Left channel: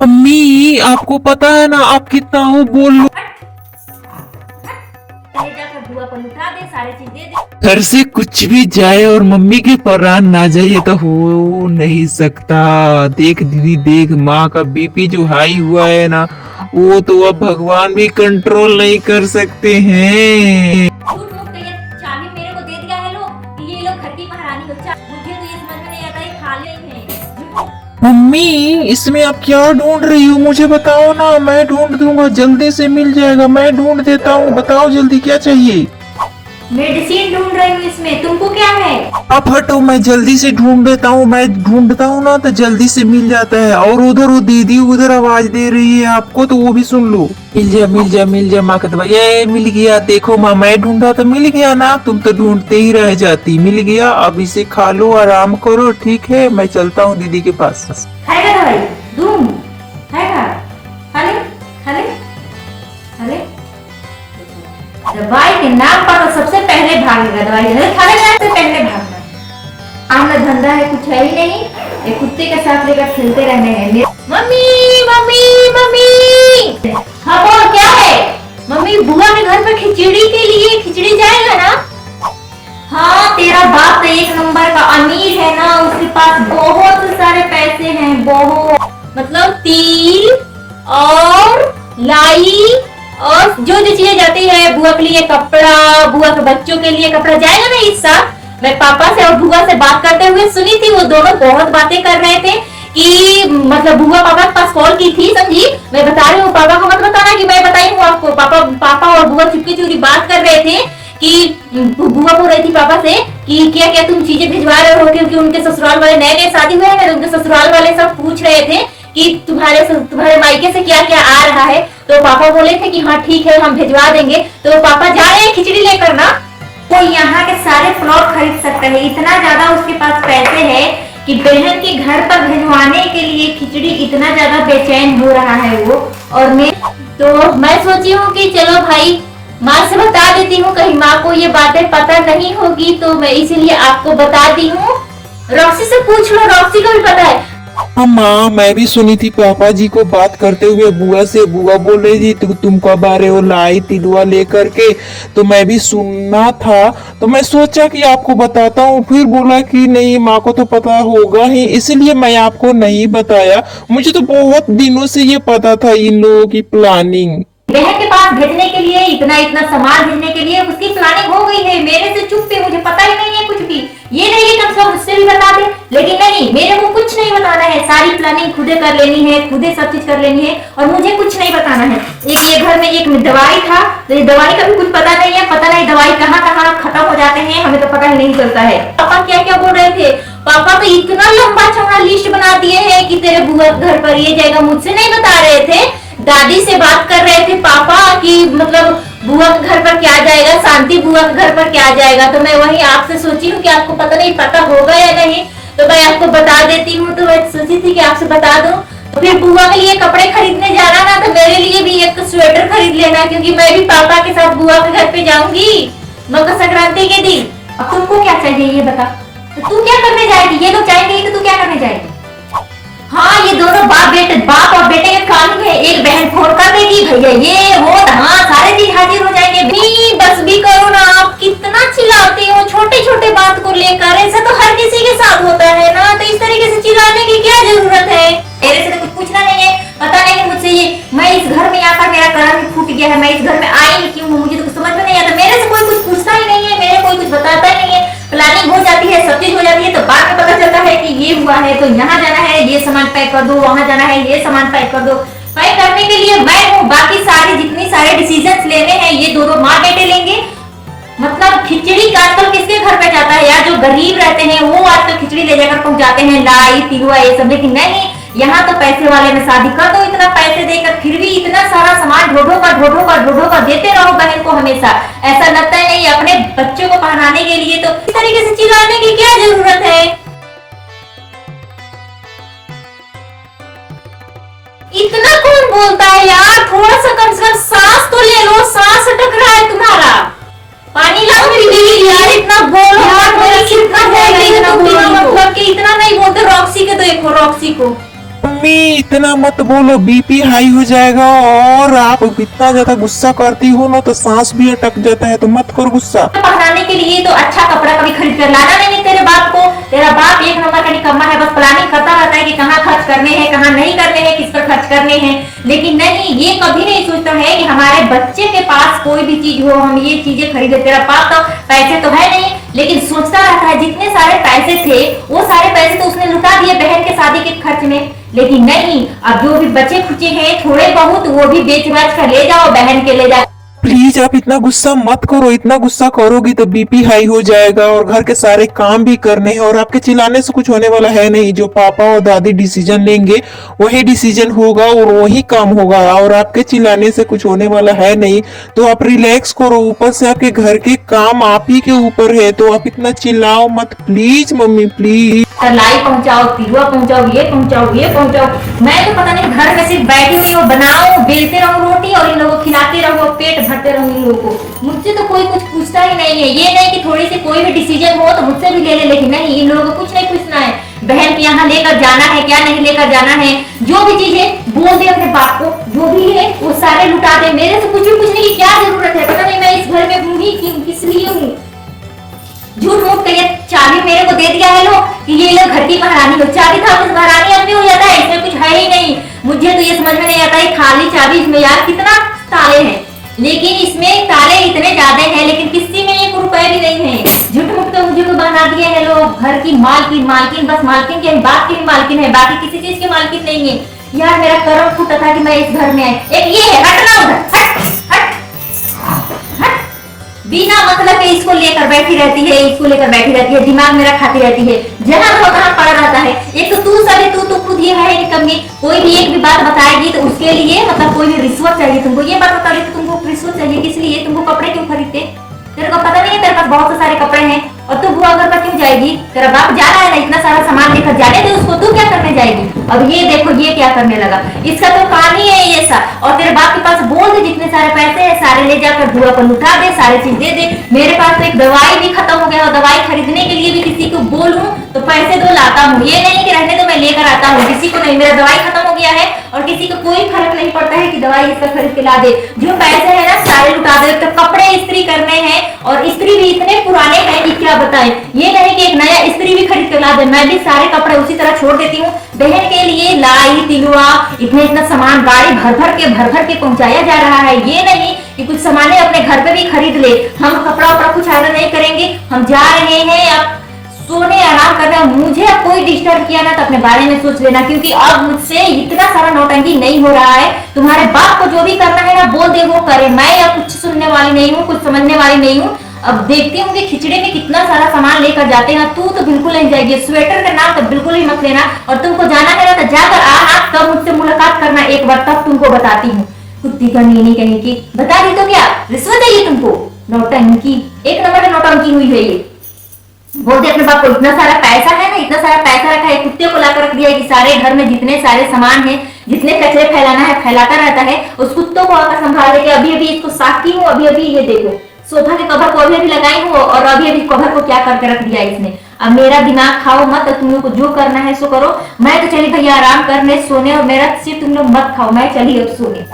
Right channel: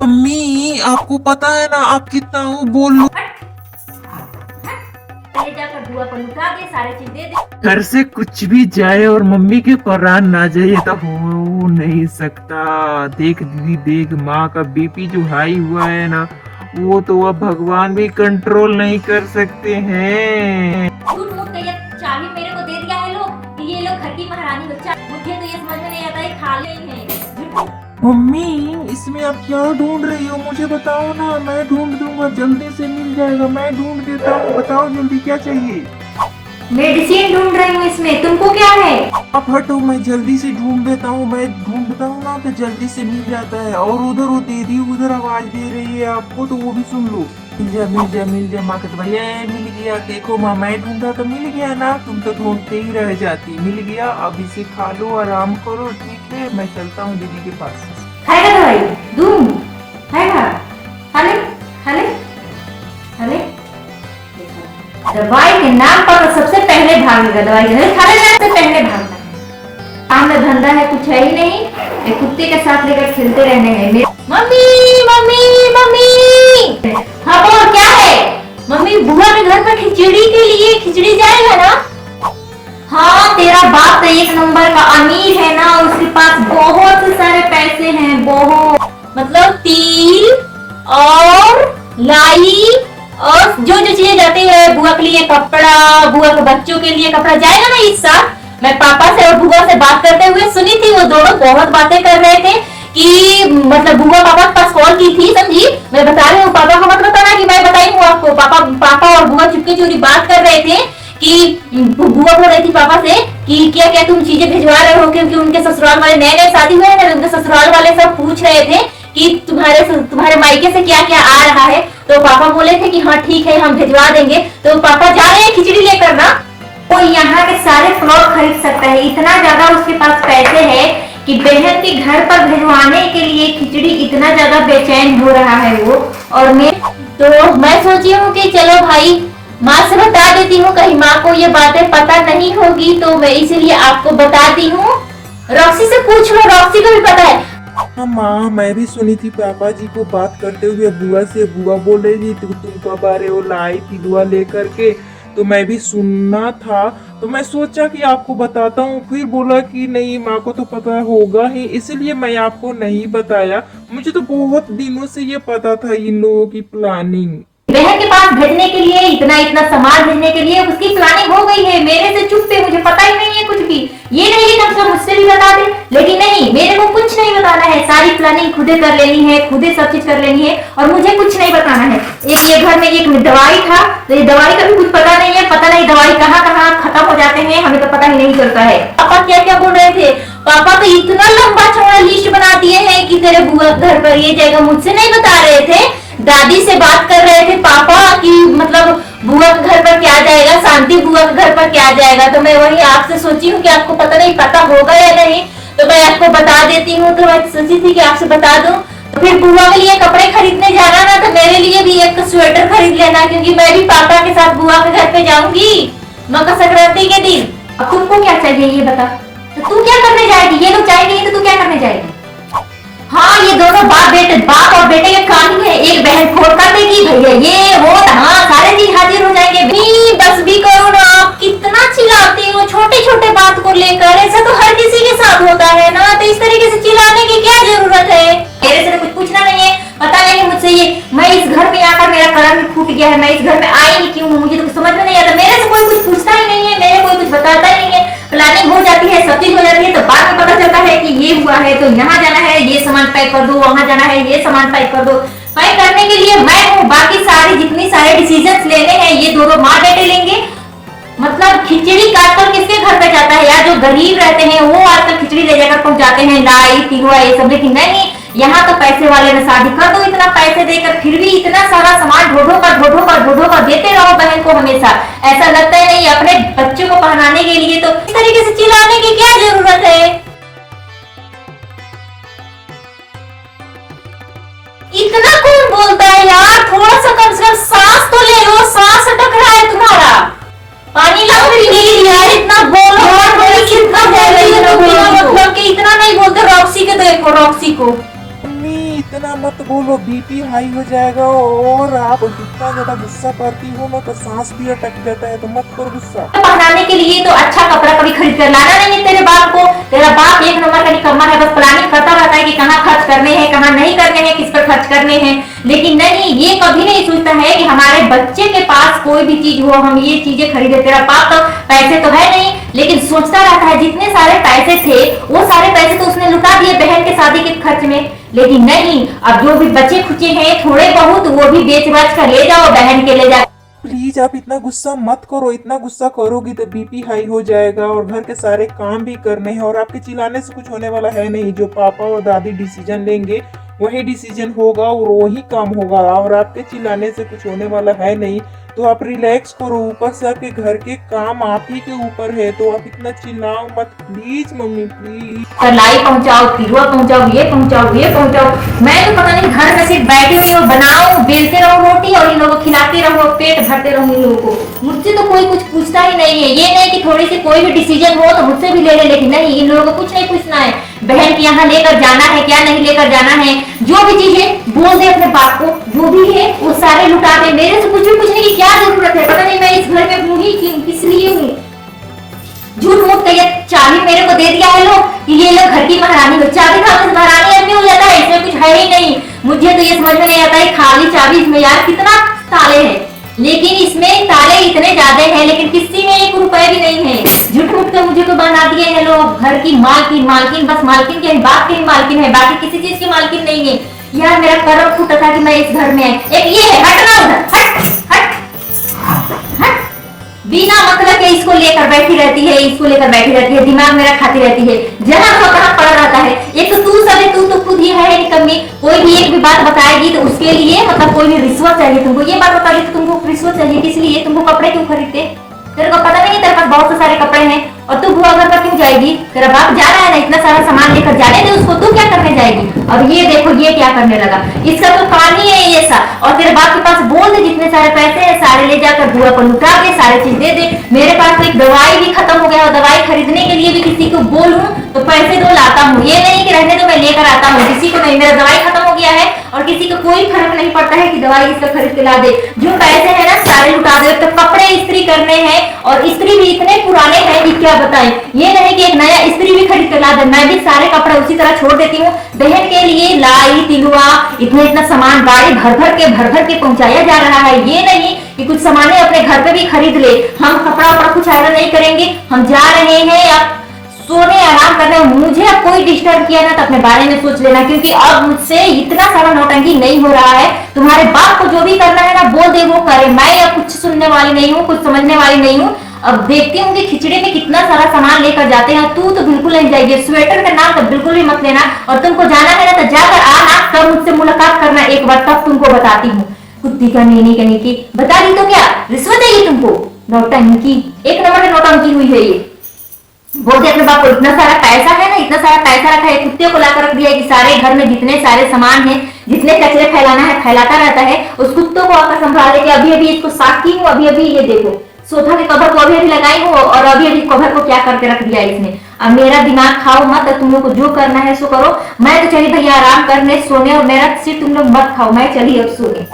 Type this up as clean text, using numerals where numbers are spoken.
अम्मी आपको पता है ना आप कितना हो बोल लो। पहले जाकर बुआ को लुटा दे, सारे चीज दे दे। घर से कुछ भी जाए और मम्मी के परान ना जाए तो हो नहीं सकता। देख दीदी देख, माँ का बीपी जो हाई हुआ है ना, वो तो अब भगवान भी कंट्रोल नहीं कर सकते हैं। झूठ मूठ के ये चाबी मेरे को दे दिया है लोग कि ये लोग घर की महारानी बच्चा। मुझे तो ये समझ में नहीं आता, ये खा नहीं है। मम्मी इसमें आप क्या ढूंढ रही हो मुझे बताओ ना, मैं ढूंढ दूंगा, जल्दी से मिल जाएगा, मैं ढूंढ देता हूँ, बताओ जल्दी क्या चाहिए। मेडिसिन ढूंढ रही हूँ, इसमें तुमको क्या है? आप हटो, मैं जल्दी से ढूंढ देता हूँ, मैं ढूंढता हूँ ना तो जल्दी से मिल जाता है। और उधर वो दीदी उधर आवाज दे रही है आपको, तो वो भी सुन लो। मिल जा मिल जा मिल जा माँ का दवा, ये मिल गया। देखो माँ, मैं ढूंढा तो मिल गया ना, तुम तो ढूंढते ही रह जाती। मिल गया, अब इसे खा लो, आराम करो, ठीक है, मैं चलता हूँ दीदी के पास। खाएगा दवाई? दूं? खाएगा? खाले खाले खाले। दवाई के नाम पर तो सबसे पहले भागेगा, दवाई खाने जाए तो पहले भागना है। काम में धंधा है कुछ है ही नहीं, ये कुत्ते के साथ लेकर खेलते रहने हैं। Mummy mummy mummy. हाँ बोल क्या है? मम्मी बुआ के घर पर खिचड़ी के लिए खिचड़ी जाएगा ना? हाँ तेरा बाप तो एक नंबर का अमीर है ना, उसके पास बहुत सारे पैसे हैं, बहुत। मतलब तिल और लाई और जो जो चीजें जाती है, बुआ के लिए कपड़ा, बुआ के बच्चों के लिए कपड़ा जाएगा ना इस साल। मैं पापा से और बुआ से बात करते हुए सुनी थी, वो दोनों बहुत बातें कर रहे थे कि मतलब बुआ पापा के पास कॉल की थी, समझी? मैं बता रही हूँ, पापा को मत बताना कि मैं बताई हूँ आपको। पापा और बुआ चुपके चोरी बात कर रहे थे कि बुआ बोल रही थी पापा से कि क्या क्या तुम चीजें भिजवा रहे हो, क्योंकि उनके ससुराल वाले नए नए शादी हुए हैं, उनके ससुराल वाले सब पूछ रहे थे कि तुम्हारे मायके से क्या क्या आ रहा है। तो पापा बोले थे कि हाँ ठीक है हम भिजवा देंगे। तो पापा जा रहे हैं खिचड़ी लेकर ना। वो यहाँ के सारे प्लॉट खरीद सकता है, इतना ज्यादा उसके पास पैसे है कि बहन के घर पर भिजवाने के लिए खिचड़ी इतना ज्यादा बेचैन हो रहा है वो। और मैं सोची हूँ कि चलो भाई माँ से बता देती हूँ, कहीं माँ को ये बातें पता नहीं होगी, तो मैं इसीलिए आपको बताती हूँ। रॉक्सी से पूछ लो, रॉक्सी को भी पता है। हाँ माँ, मैं भी सुनी थी पापा जी को बात करते हुए बुआ से। बुआ बोल रही थी तुम कब आ रहे हो लाई तिलवा लेकर के, तो मैं भी सुनना था, तो मैं सोचा कि आपको बताता हूँ। फिर बोला कि नहीं माँ को तो पता होगा ही, इसलिए मैं आपको नहीं बताया। मुझे तो बहुत दिनों से ये पता था इन लोगों की प्लानिंग। बहन के पास भेजने के लिए इतना इतना सामान भेजने के लिए उसकी प्लानिंग हो गई है। मेरे से चुप पे, मुझे पता ही नहीं है कुछ भी। ये नहीं कि सब मुझसे भी बता दे, लेकिन नहीं, मेरे को कुछ नहीं बताना है। सारी प्लानिंग खुदे कर लेनी है, खुदे सब चीज कर लेनी है, और मुझे कुछ नहीं बताना है। एक ये घर में एक दवाई था, तो ये दवाई का भी कुछ पता नहीं है, पता नहीं दवाई कहाँ कहाँ खत्म हो जाते हैं, हमें तो पता ही नहीं चलता है। पापा क्या क्या बोल रहे थे? पापा तो इतना लंबा चौड़ा लिस्ट बना दिए हैं कि तेरे बुआ घर पर ये जाएगा, मुझसे नहीं बता रहे थे। दादी से बात कर रहे थे पापा कि मतलब बुआ के घर पर क्या जाएगा, शांति बुआ के घर पर क्या जाएगा। तो मैं वही आपसे सोची हूँ कि आपको पता नहीं पता होगा या नहीं, तो मैं आपको बता देती हूँ। तो मैं सोची थी कि आपसे बता दूं। तो फिर बुआ के लिए कपड़े खरीदने जाना ना, तो मेरे लिए भी एक स्वेटर खरीद लेना, क्योंकि मैं भी पापा के साथ बुआ के घर पे जाऊंगी मकर संक्रांति के दिन। अब तुमको क्या चाहिए ये बता, तो तू क्या करने जाएगी? ये लोग जाएंगे तो तू क्या करने जाएगी? हाँ ये दोनों बाप और बेटे के काम ही है। एक बहन फोन कर देगी भैया ये वो, हाँ सारे चीज हाजिर हो जाएंगे। भी बस भी करो ना, आप कितना चिल्लाती हो छोटे छोटे बात को लेकर। ऐसा तो हर किसी के साथ होता है ना, तो इस तरीके से चिल्लाने की क्या जरूरत है? मेरे से तो कुछ पूछना नहीं है, पता नहीं मुझसे ये, मैं इस घर में आकर मेरा कर्म फूट गया है, मैं इस घर में आई क्यों हूँ, मुझे तो समझ में नहीं आता। मेरे से कोई कुछ पूछता ही नहीं है, मेरे कोई कुछ बताता ही नहीं है। प्लानिंग हो जाती है, सब चीज हो जाती है, तो बाद में पता चलता है कि ये हुआ है, तो यहाँ जाना है ये सामान पैक कर दो, वहां जाना है ये सामान पैक कर दो। पैक करने के लिए मैं हूँ, बाकी सारे जितनी सारे डिसीजन लेने हैं ये दोनों माँ बेटे लेंगे। मतलब खिचड़ी आजकल किसके घर पे जाता है यार? जो गरीब रहते हैं वो आजकल खिचड़ी ले जाकर पहुंचाते हैं, लाई तिलवा ये सब। लेकिन नहीं, यहाँ तो पैसे वाले में शादी कर दो, इतना पैसे देकर फिर भी इतना सारा सामान ढो कर देते रहो बहन को हमेशा। ऐसा लगता है नहीं अपने बच्चों को पहनाने के लिए, तो इस तरीके से चिल्लाने की क्या जरूरत है? इतना कौन बोलता है यार? थोड़ा सा कम से कम सांस तो ले लो, सांस अटक रहा है तुम्हारा। पानी लाओ प्लीज यार, इतना बोलो यार, बोलो कितना बोल रही हो तुम, बिना मतलब के इतना नहीं बोलते। रॉक्सी के देखो, रॉक्सी को मम्मी इतना मत बोलो, बीपी हाई हो जाएगा। और आप इतना ज्यादा गुस्सा करती हो ना तो सांस भी अटक जाता है, तो मत करो गुस्सा। पहनाने के लिए तो अच्छा कपड़ा कभी खरीद कर लाना नहीं है तेरे बाप को। तेरा बाप एक नंबर का निकम्मा है, बस प्लानिंग करता रहता है कि कहाँ खर्च करने हैं, कहाँ नहीं करने हैं, किस पर खर्च करने हैं। लेकिन नहीं, ये कभी नहीं सोचता है कि हमारे बच्चे के पास कोई भी चीज हो, हम ये चीजें खरीदे। तेरा बाप तो पैसे तो है नहीं, लेकिन सोचता रहता है जितने सारे पैसे थे वो सारे पैसे तो उसने लुटा दिए बहन के शादी के खर्च में। लेकिन नहीं, अब जो भी बचे खुचे हैं थोड़े बहुत वो भी बेच बाच कर ले जाओ, बहन के ले जाओ। प्लीज आप इतना गुस्सा मत करो, इतना गुस्सा करोगी तो बीपी हाई हो जाएगा और घर के सारे काम भी करने हैं। और आपके चिल्लाने से कुछ होने वाला है नहीं, जो पापा और दादी डिसीजन लेंगे वही डिसीजन होगा और वही काम होगा, और आपके चिल्लाने से कुछ होने वाला है नहीं। तो आप रिलैक्स करो, ऊपर से आपके घर के काम आप ही के ऊपर है, तो आप इतना चिल्लाओ मत प्लीज मम्मी प्लीज। लाई पहुंचाओ, तिरुआ पहुंचाओ, ये पहुंचाओ, ये पहुंचाओ। मैं तो पता नहीं घर में सिर्फ बैठी हुई हूँ, बनाओ बेलते रहो रोटी और इन लोगों को खिलाते रहो, पेट भरते रहो इन लोगों को। मुझसे तो कोई कुछ पूछता ही नहीं है। ये नहीं कि थोड़ी सी कोई भी डिसीजन हो तो मुझसे भी ले ले, लेकिन नहीं, इन लोगों को कुछ नहीं पूछना है। बहन के यहाँ लेकर जाना है, क्या नहीं लेकर जाना है, जो भी चीज है बोल दे अपने बाप को, जो भी है वो सारे लुटा दे। मेरे से कुछ भी पूछने की क्या जरूरत है? पता नहीं मैं इस घर में हूँ ही किस लिए हूँ। झूठ मूठ के चाबी मेरे को दे दिया है लोग कि ये लोग घर की महारानी हो। चाबी का महारानी आदमी हो जाता है, इसमें कुछ है ही नहीं। मुझे तो ये समझ में नहीं आता है, खाली चाबी इसमें यार कितना ताले हैं, लेकिन इसमें ताले इतने ज्यादा हैं, लेकिन किसी में 1 रुपया भी नहीं है। झूठ मूठ के मुझे तो बना दिए हैं लोग घर की मालकिन। मालकिन बस मालकिन के बाप की मालकिन है, बाकी किसी चीज की मालकिन नहीं है। यार मेरा कर्म फूटा था कि मैं इस घर में आई। एक ये है, हटना उधर, हट हट हट। बिना मतलब के इसको लेकर बैठी रहती है, इसको लेकर बैठी रहती है, दिमाग मेरा खाती रहती है, जहाँ हो तहाँ पड़ा रहता है। एक तो तू सब है, तू तो खुद ही है निकम्मी। कोई भी एक भी बात बताएगी तो उसके लिए मतलब कोई भी रिश्वत चाहिए तुमको। ये बात बताओगी तो तुमको रिश्वत चाहिए, किस लिए? तुमको कपड़े क्यों खरीदते? तेरे को पता नहीं है तेरे पास बहुत सारे कपड़े हैं और तू बुआ घर पर क्यों जाएगी? तेरा बाप जा रहा है ना इतना सारा सामान लेकर, जाने दे उसको, तू क्या करने जाएगी? अब ये देखो ये क्या करने लगा, इसका तो काम ही है ये सा। और तेरे बाप के पास बोल दे जितने सारे पैसे है सारे ले जाकर बुआ को लुटा दे, सारे चीज दे दे। मेरे पास तो एक दवाई भी खत्म हो गया और दवाई खरीदने के लिए भी किसी को बोलूं तो पैसे दो लाता हूँ। ये नहीं कि रहने तो मैं लेकर आता हूँ, किसी को नहीं। मेरा दवाई खत्म हो गया है और किसी को कोई फर्क नहीं पड़ता है कि दवाई इसका खरीद के ला दे। जो पैसे है ना सारे लुटा दे। तो कपड़े इस्त्री करने हैं और इस्त्री भी इतने पुराने हैं कि क्या बताएं। ये नहीं कि एक नया इस्त्री भी खरीद के ला दे, मैं भी सारे कपड़े उसी तरह छोड़ देती हूँ। बहन के लिए लाई तिलुआ इतना सामान गाड़ी भर भर के पहुंचाया जा रहा है। ये नहीं कि कुछ सामान अपने घर पे भी खरीद ले। हम कपड़ा वपड़ा कुछ आयरन नहीं करेंगे, हम जा रहे हैं अब सोने आराम करने। मुझे अब कोई डिस्टर्ब किया ना तो अपने बारे में सोच लेना, क्योंकि अब मुझसे इतना सारा नौटंकी नहीं हो रहा है। तुम्हारे बाप को जो भी करना है ना बोल दे वो करे, मैं अब कुछ सुनने वाली नहीं हूँ, कुछ समझने वाली नहीं हूँ। अब देखती हूँ कि खिचड़े में कितना सारा सामान लेकर जाते हैं। तू तो बिल्कुल नहीं जाएगी, स्वेटर का नाम तो बिल्कुल भी मत लेना। और तुमको जाना है ना तो जाकर आना, तब मुझसे मुलाकात करना एक बार, तब तुमको बताती हूँ। कुत्ती का नीनी कहीं की बता दी तो क्या रिश्वत है ये तुमको? नौटंकी, एक नंबर का नौटंकी हुई है ये। बोलते अपने बाप को इतना सारा पैसा है ना, इतना सारा पैसा रखा है, कुत्ते को लाकर रख दिया है कि सारे घर में जितने सारे सामान है, जितने कचरे फैलाना है फैलाता रहता है। उस कुत्तों को आकर संभाल के अभी इसको साकी हूँ। अभी ये देखो सोफा के कवर को अभी लगाई हूँ और अभी कवर को क्या करके रख दिया इसने। अब मेरा दिमाग खाओ मत, तुम लोग को जो करना है सो करो। मैं तो चली भैया आराम करने सोने, और मेरा सिर्फ तुम लोग मत खाओ, मैं चली अब सोने।